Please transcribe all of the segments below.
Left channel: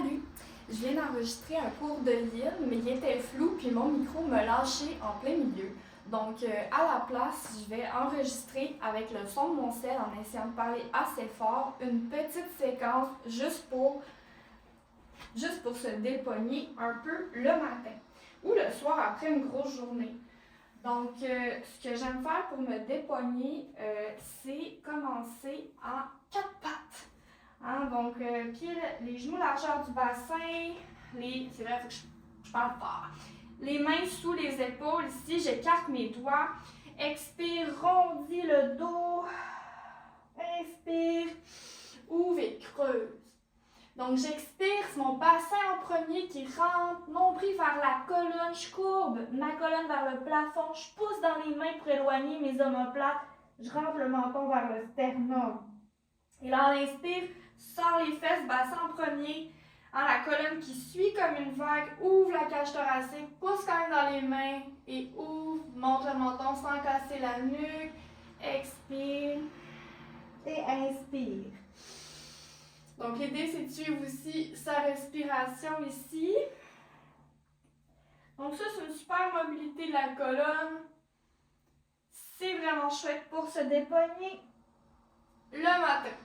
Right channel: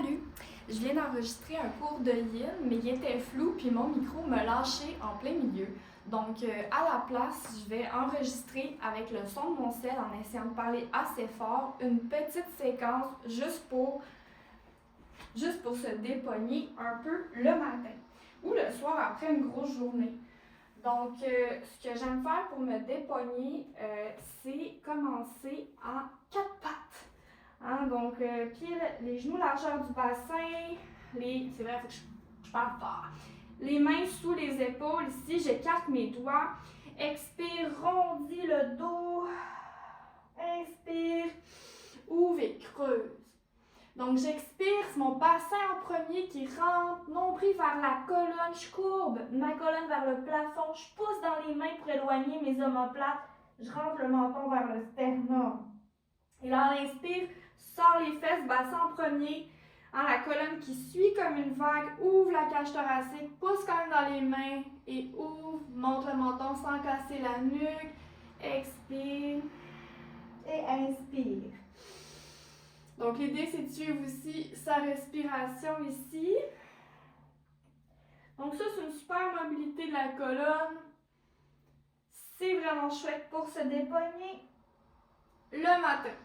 Salut! Je viens d'enregistrer un cours de Lynn, mais il était flou, puis mon micro me lâchait en plein milieu. Donc, à la place, je vais enregistrer avec le son de mon sel en essayant de parler assez fort une petite séquence juste pour se dépogner un peu le matin ou le soir après une grosse journée. Donc, ce que j'aime faire pour me dépogner, c'est commencer à quatre pattes. Hein, donc, les genoux largeur du bassin, c'est vrai, il faut que je parle fort. Les mains sous les épaules, ici, j'écarte mes doigts. Expire, rondis le dos. Inspire, ouvre et creuse. Donc, j'expire, c'est mon bassin en premier qui rentre, nombril vers la colonne, je courbe ma colonne vers le plafond, je pousse dans les mains pour éloigner mes omoplates, je rentre le menton vers le sternum. Et là, à l'inspire, sors les fesses, bassin en premier, hein, la colonne qui suit comme une vague, ouvre la cage thoracique, pousse quand même dans les mains et ouvre, monte le menton sans casser la nuque, expire et inspire. Donc, l'idée, c'est de suivre aussi sa respiration ici. Donc, ça, c'est une super mobilité de la colonne. C'est vraiment chouette pour se dépogner le matin.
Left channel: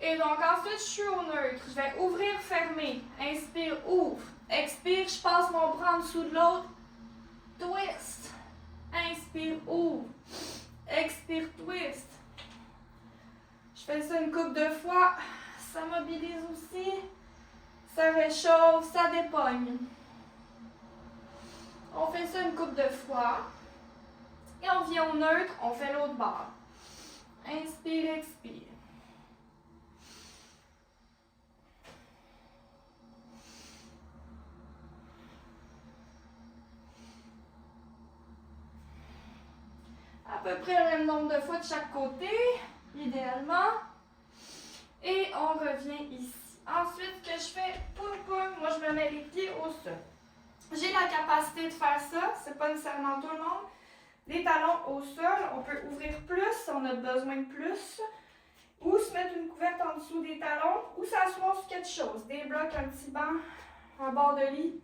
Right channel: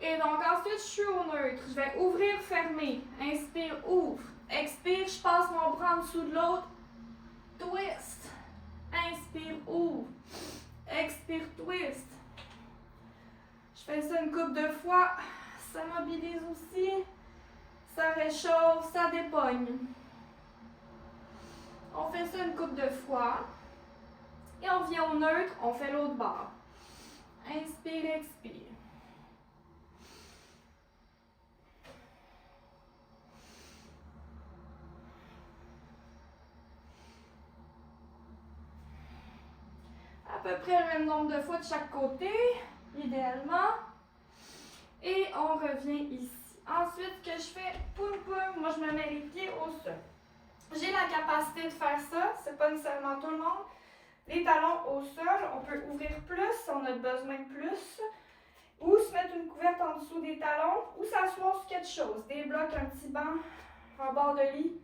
Et donc, ensuite, je suis au neutre. Je vais ouvrir, fermer. Inspire, ouvre. Expire, je passe mon bras en dessous de l'autre. Twist. Inspire, ouvre. Expire, twist. Je fais ça une couple de fois. Ça mobilise aussi, ça réchauffe, ça dépogne. On fait ça une couple de fois. Et on vient au neutre, on fait l'autre bord. Inspire, expire. À peu près le même nombre de fois de chaque côté, idéalement. Et on revient ici. Ensuite, ce que je fais, poum poum, moi je me mets les pieds au sol. J'ai la capacité de faire ça, c'est pas nécessairement tout le monde. Les talons au sol, on peut ouvrir plus si on a besoin de plus. Ou se mettre une couverte en dessous des talons, ou s'asseoir sur quelque chose. Des blocs, un petit banc, un bord de lit.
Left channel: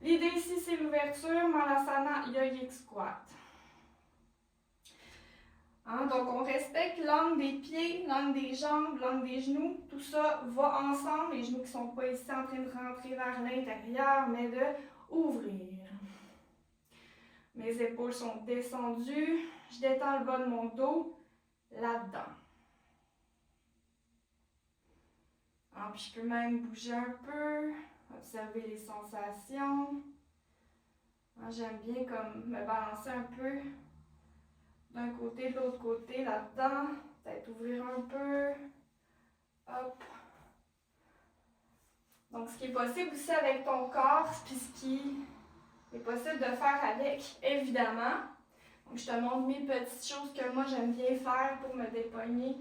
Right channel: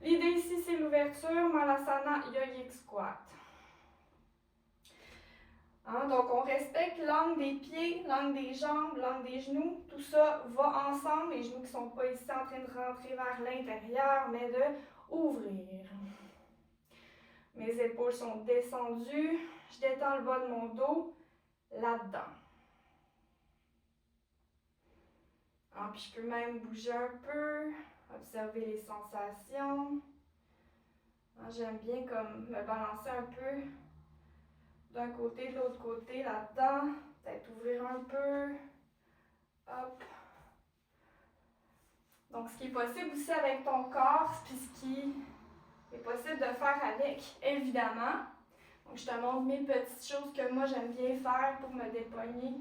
L'idée ici, c'est l'ouverture, Malasana Yogic Squat. Hein, donc, on respecte l'angle des pieds, l'angle des jambes, l'angle des genoux. Tout ça va ensemble. Les genoux qui ne sont pas ici en train de rentrer vers l'intérieur, mais de ouvrir. Mes épaules sont descendues. Je détends le bas de mon dos là-dedans. Hein, puis je peux même bouger un peu, observer les sensations. Hein, j'aime bien comme me balancer un peu d'un côté, de l'autre côté, là-dedans. Peut-être ouvrir un peu. Hop. Donc, ce qui est possible aussi avec ton corps, puis ce qui est possible de faire avec, évidemment. Donc, je te montre mes petites choses que moi, j'aime bien faire pour me dépogner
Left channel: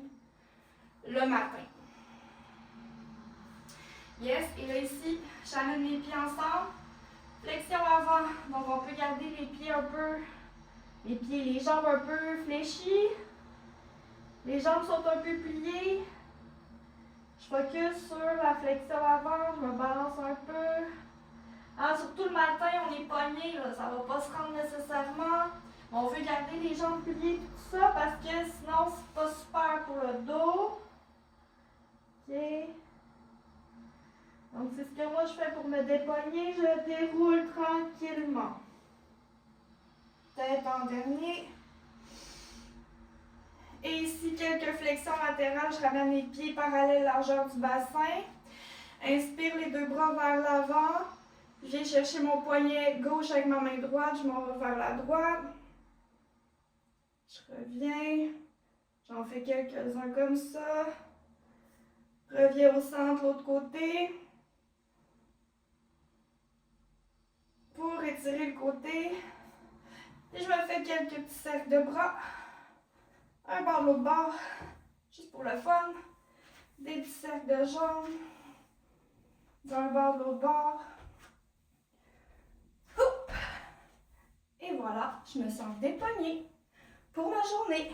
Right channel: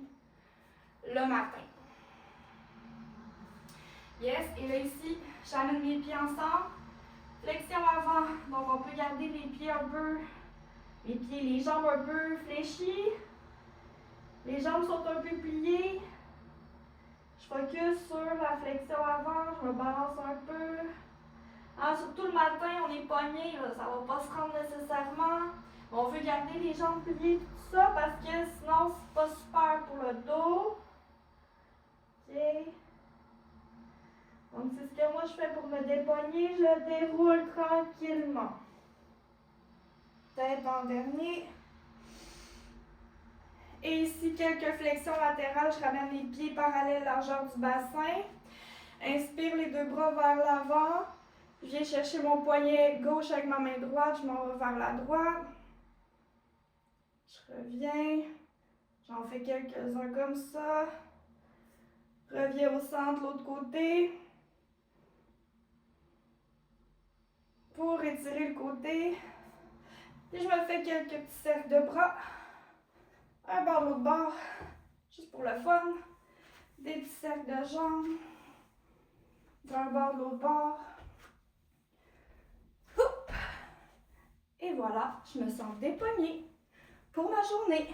le matin. Yes, et là, ici, j'amène mes pieds ensemble. Flexion avant. Donc, on peut garder les pieds un peu, les jambes un peu fléchies. Les jambes sont un peu pliées. Je focus sur la flexion avant, je me balance un peu. Hein, surtout le matin, on est pogné, là, ça ne va pas se rendre nécessairement. On veut garder les jambes pliées, tout ça, parce que sinon, c'est pas super pour le dos. OK. Donc, c'est ce que moi je fais pour me dépogner. Je déroule tranquillement. Tête en dernier. Et ici, quelques flexions latérales. Je ramène les pieds parallèles largeur du bassin. Inspire les deux bras vers l'avant. Je viens chercher mon poignet gauche avec ma main droite. Je m'en vais vers la droite. Je reviens. J'en fais quelques-uns comme ça. Reviens au centre, l'autre côté. Pour étirer le côté. Et je me fais quelques petits cercles de bras. Un bord, l'autre bord. Juste pour le fun. Des petits cercles de jambes. D'un bord, de l'autre bord. Oup! Et voilà, je me sens dépognée pour ma journée.